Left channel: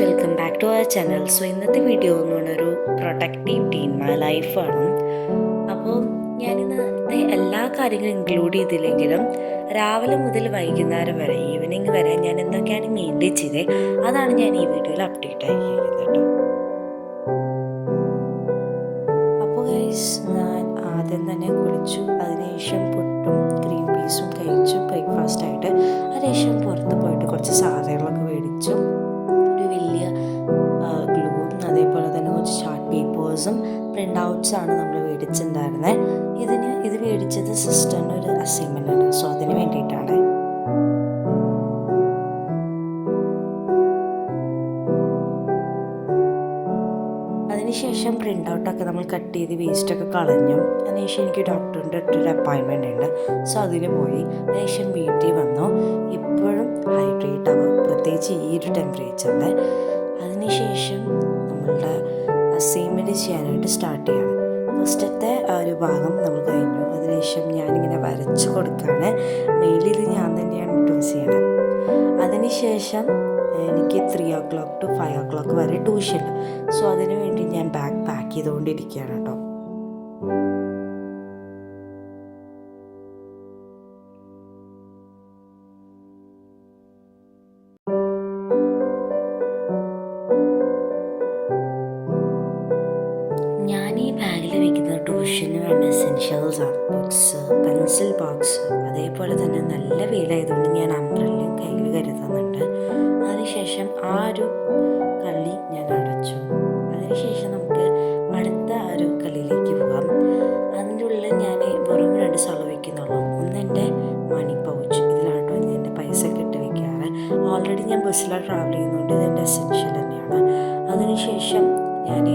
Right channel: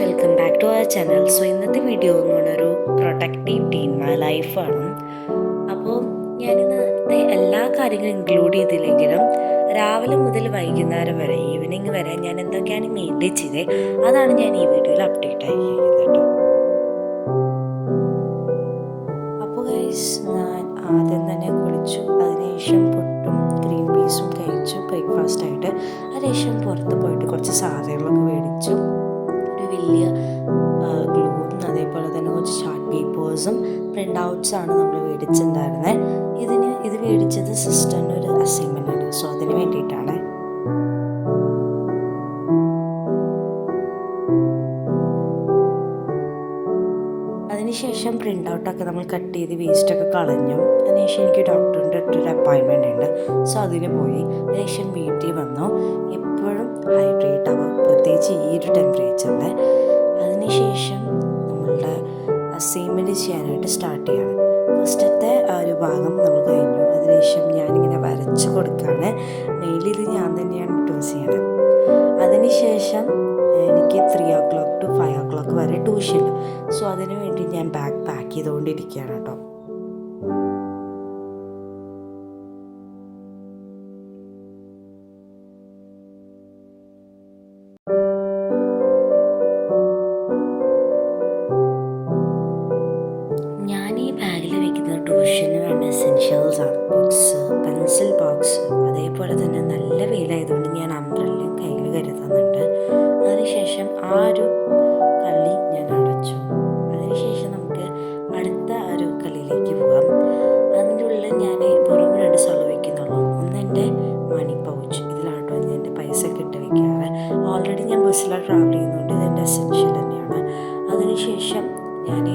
Welcome back to our channel. So ഇന്നത്തെ video എന്ന് പറഞ്ഞൊരു പ്രൊഡക്റ്റീവ് ഡേ ഇൻ മൈ ലൈഫാണ്. അപ്പോൾ ഞാനിന്നത്തെ എല്ലാ കാര്യങ്ങളും ഇൻക്ലൂഡ് ചെയ്തില്ലെങ്കിലും രാവിലെ മുതൽ വൈകുന്നേരം വരെ ഈവനിങ് വരെ ഞാൻ എന്തൊക്കെയാണ് മെയിൻറ്റെയിൻ ചെയ്തത് അതാണ് ഞാൻ ഈ വീഡിയോയിൽ അപ്ഡേറ്റ് ആയിരിക്കുന്നത് കേട്ടോ. അപ്പോൾ ഗൈസ്, ഞാൻ ആദ്യം തന്നെ കുളിച്ചു. അതിനുശേഷം പുട്ടും ഗ്രീൻ പീസും കഴിച്ചു ബ്രേക്ക്ഫാസ്റ്റായിട്ട്. അതിനുശേഷം പുറത്ത് പോയിട്ട് കുറച്ച് സാധനങ്ങളൊക്കെ മേടിച്ചു. ഒരു വലിയ ഗ്ലൂവും അതേപോലെ തന്നെ കുറച്ച് ചാർട്ട് പേപ്പേഴ്സും പ്രിൻ്റ് ഔട്ട്സാണ് നമ്മൾ മേടിച്ചിട്ടുണ്ടായിരുന്നത്. ഇത് മേടിച്ചത് സിസ്റ്ററിൻ്റെ ഒരു അസൈൻമെൻ്റ് ആണ്. സോ അതിന് വേണ്ടിയിട്ടാണ്. അതിനുശേഷം പ്രിൻ്റ് ഔട്ടൊക്കെ നമ്മൾ കട്ട് ചെയ്ത് വേസ്റ്റൊക്കെ കളഞ്ഞു. അതിനുശേഷം എനിക്ക് ഡോക്ടറിൻ്റെ അടുത്തൊരു അപ്പോയിൻമെൻ്റ് ഉണ്ട്. സോ അതിന് പോയി. അതിനുശേഷം വീട്ടിൽ വന്നു. എപ്പോഴും ഹൈഡ്രേറ്റ് ആവുക, പ്രത്യേകിച്ച് ഈ ഒരു ടെമ്പറേച്ചറിൽ. അതിനുശേഷം നമ്മളുടെ അസൈൻമെൻറ്റ് ചെയ്യാനായിട്ട് സ്റ്റാർട്ട് ചെയ്യണം. ഫസ്റ്റത്തെ ആ ഒരു ഭാഗം നമ്മൾ കഴിഞ്ഞു. അതിനുശേഷം ഞാനിങ്ങനെ വരച്ച് കൊടുക്കുകയാണ്. മെയിലിൽ ഇത് ഞാൻ തന്നെയാണ് ഡ്രോസ് ചെയ്യണത്. അതിനുശേഷം എനിക്ക് 3 o'clock to 5 o'clock വരെ ട്യൂഷൻ ഉണ്ട്. സോ അതിന് വേണ്ടി ഞാൻ ബാഗ് പാക്ക് ചെയ്തുകൊണ്ടിരിക്കുകയാണ് കേട്ടോ. ഞാൻ ഈ ബാഗിൽ വയ്ക്കുന്നത് ട്യൂഷന് വേണ്ട എസെൻഷ്യൽസാണ്. ബുക്സ്, പെൻസിൽ ബോക്സ്, അതേപോലെ തന്നെ നല്ല വെയിലായതുകൊണ്ട് ഞാൻ അംബ്രല്ലയും കയ്യിൽ കരുതുന്നുണ്ട്. അതിനുശേഷം ആ ഒരു കളി ഞാൻ അടച്ചു. അതിനുശേഷം നമുക്ക് അടുത്ത ഒരു കളിയിലേക്ക് പോകാം. അതിൻ്റെ ഉള്ളിൽ ഞാൻ വെറും 2 സ്ഥലം വയ്ക്കുന്നുള്ളൂ. ഒന്ന് എൻ്റെ മണി പൗച്ച്, ഇതിലാട്ടോ ഞാൻ എൻ്റെ പൈസ ഒക്കെ ഇട്ട് വയ്ക്കാറ്. ഓൾറെഡി ഞാൻ ബസ്സിലാണ് ട്രാവൽ ചെയ്യുന്നതുകൊണ്ട് ഇതെൻ്റെ എസെൻഷ്യൽ തന്നെയാണ്. അതിനുശേഷം ഞാൻ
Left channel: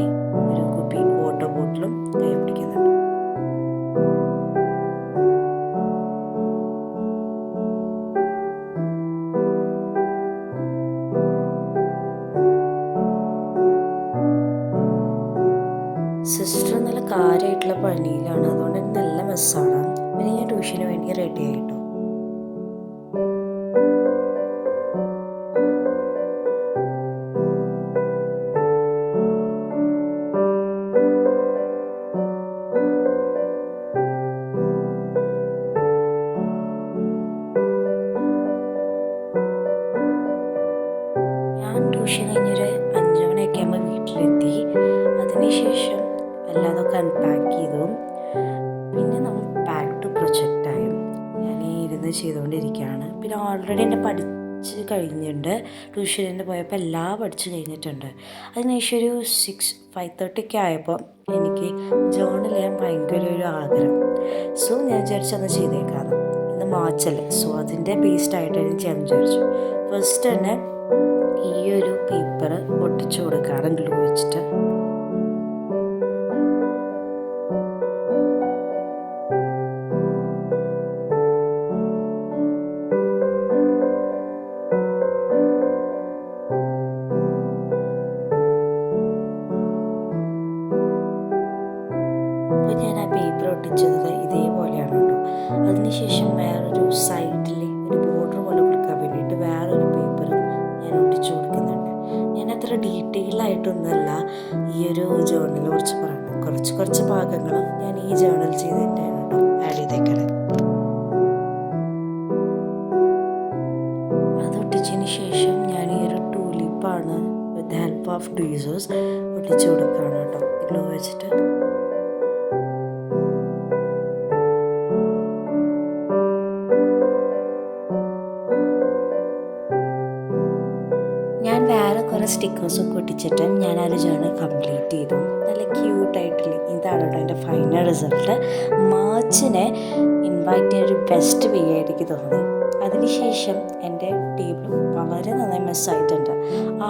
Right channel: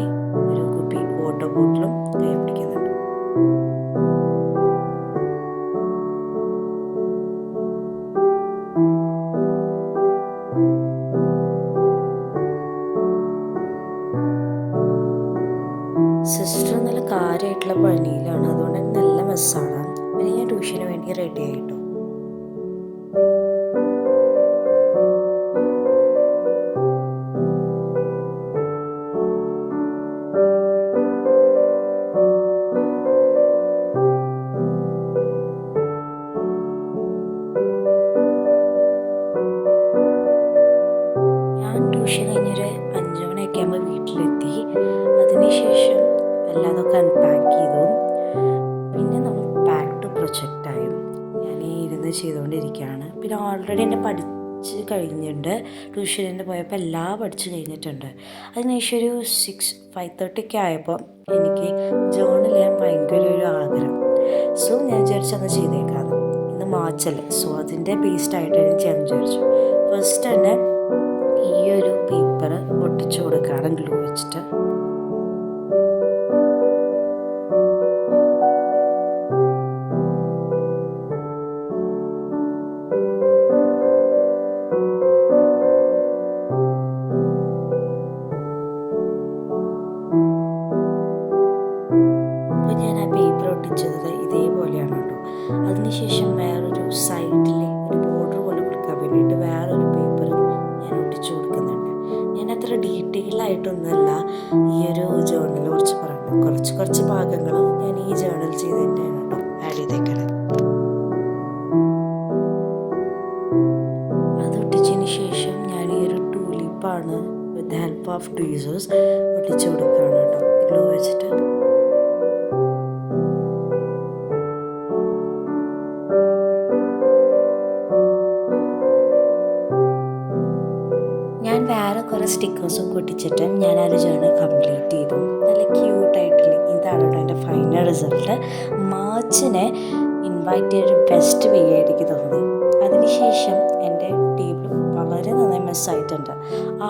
ഒരു കുപ്പി വാട്ടർ ബോട്ടിലും കൈ പിടിക്കുന്നുണ്ട്. സിസ്റ്റർ നല്ല കാര്യമായിട്ടുള്ള പണിയിലാണ്, അതുകൊണ്ട് തന്നെ നല്ല മെസ്സാണ്. പിന്നെ ഞാൻ ട്യൂഷന് വേണ്ടി റെഡി ആയിട്ടോ. ഞാൻ ട്യൂഷൻ കഴിഞ്ഞൊരു 5 മണിയൊക്കെ ആകുമ്പോൾ വീട്ടിലെത്തി. അതിനുശേഷം എല്ലാതൊക്കെ അൺപാക്ക് ചെയ്തു. പിന്നെ നമ്മൾ ബാക്ക് ടു പ്രൊജക്റ്റായും ഞാൻ ഇരുന്ന് ചെയ്തുകൊണ്ടിരിക്കുകയാണ്. പിന്നെ ഓൾറെഡി എന്നെ പഠിച്ച് കഴിഞ്ഞിട്ടുണ്ട്. ട്യൂഷന് പോയപ്പോൾ എല്ലാം പഠിച്ച് കഴിഞ്ഞിട്ടുണ്ട്. അതിനുശേഷം ഒരു 5:30 ആയപ്പോൾ എനിക്ക് ജേർണൽ ചെയ്യാൻ ഭയങ്കര ഒരു ആഗ്രഹം. സോ ഞാൻ വിചാരിച്ചത് ചെയ്തേക്കാന്ന്. ഇന്ന് മാർച്ചല്ലേ, സോ അതിൻ്റെ ബേസ്ഡായിട്ട് ഞാൻ ചെയ്യാൻ വിചാരിച്ചു. ഫസ്റ്റ് തന്നെ ഈ ഒരു പേപ്പർ ഒട്ടിച്ചു കൊടുക്കുകയാണ് ഗ്ലൂ വെച്ചിട്ട്. അപ്പോൾ ഞാൻ ആ പേപ്പർ ഒട്ടിച്ചത് ഇതേപോലെയാണ് കേട്ടോ. അതിനുശേഷം വേറൊരു സൈഡിൽ ഒരു ബോർഡർ പോലെ കൊടുക്കാൻ വേണ്ടിയിട്ട് വേറൊരു പേപ്പർ ഞാൻ ഒട്ടിച്ചു കൊടുക്കുന്നുണ്ട്. ഞാൻ അത്ര ഡീറ്റെയിൽ ആയിട്ടൊന്നുമല്ല ഈ ഒരു ജേർണലിനെ കുറിച്ച് പറയുന്നത്. കുറച്ച് ഭാഗങ്ങൾ ഞാൻ ഈ ജേർണൽ ചെയ്തതിൻ്റെയാണ് കേട്ടോ ആഡ് ചെയ്തേക്കണം. അതൊട്ടിച്ചതിന് ശേഷം ഞാൻ ഈ ഒരു ടൂലിപ്പാണ് with the help of tweezers ഒട്ടിച്ചു കൊടുക്കുകയാണ് കേട്ടോ ഗ്ലൂ വെച്ചിട്ട്. ഞാൻ വേറെ കുറേ സ്റ്റിക്കേഴ്സൊക്കെ ഒട്ടിച്ചിട്ട് ഞാൻ ആ ജേർണൽ കംപ്ലീറ്റ് ചെയ്തു. നല്ല ക്യൂട്ടായിട്ടില്ല. ഇതാണ് കേട്ടോ എൻ്റെ ഫൈനൽ റിസൾട്ട്. മാർച്ചിനെ ഇൻവൈറ്റ് ചെയ്തൊരു ബെസ്റ്റ് വേ ആയിട്ട് എനിക്ക് തോന്നി. അതിനുശേഷം എൻ്റെ ടേബിൾ വളരെ നന്നായി മെസ്സായിട്ടുണ്ട്.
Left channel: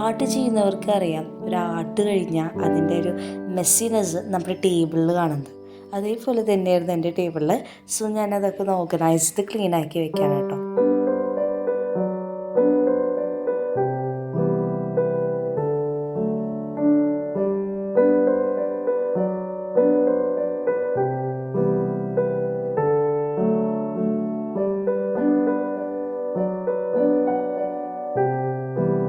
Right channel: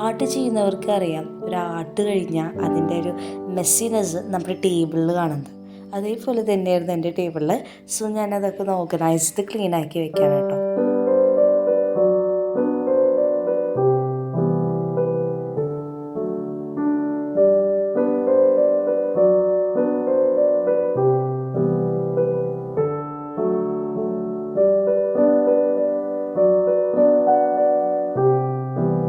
ആർട്ട് ചെയ്യുന്നവർക്ക് അറിയാം, ഒരു ആർട്ട് കഴിഞ്ഞാൽ അതിൻ്റെ ഒരു മെസ്സിനെസ് നമ്മുടെ ടേബിളിൽ കാണുന്നത്. അതേപോലെ തന്നെയായിരുന്നു എൻ്റെ ടേബിളിൽ. സോ ഞാനതൊക്കെ ഒന്ന് ഓർഗനൈസ്ഡ് ക്ലീൻ ആക്കി വെക്കാൻ കേട്ടോ.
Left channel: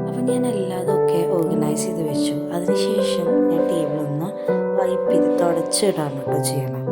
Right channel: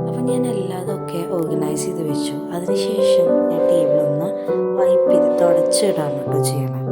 അപ്പം ഞാൻ എല്ലാതും ഒക്കെ ഓർഗനൈസ് ചെയ്ത് വെച്ചു. അതിനുശേഷം ഞാൻ ടേബിളൊന്ന് വൈപ്പ് ചെയ്ത് തുടച്ചിടാണ് കേട്ടോ ചെയ്യണം.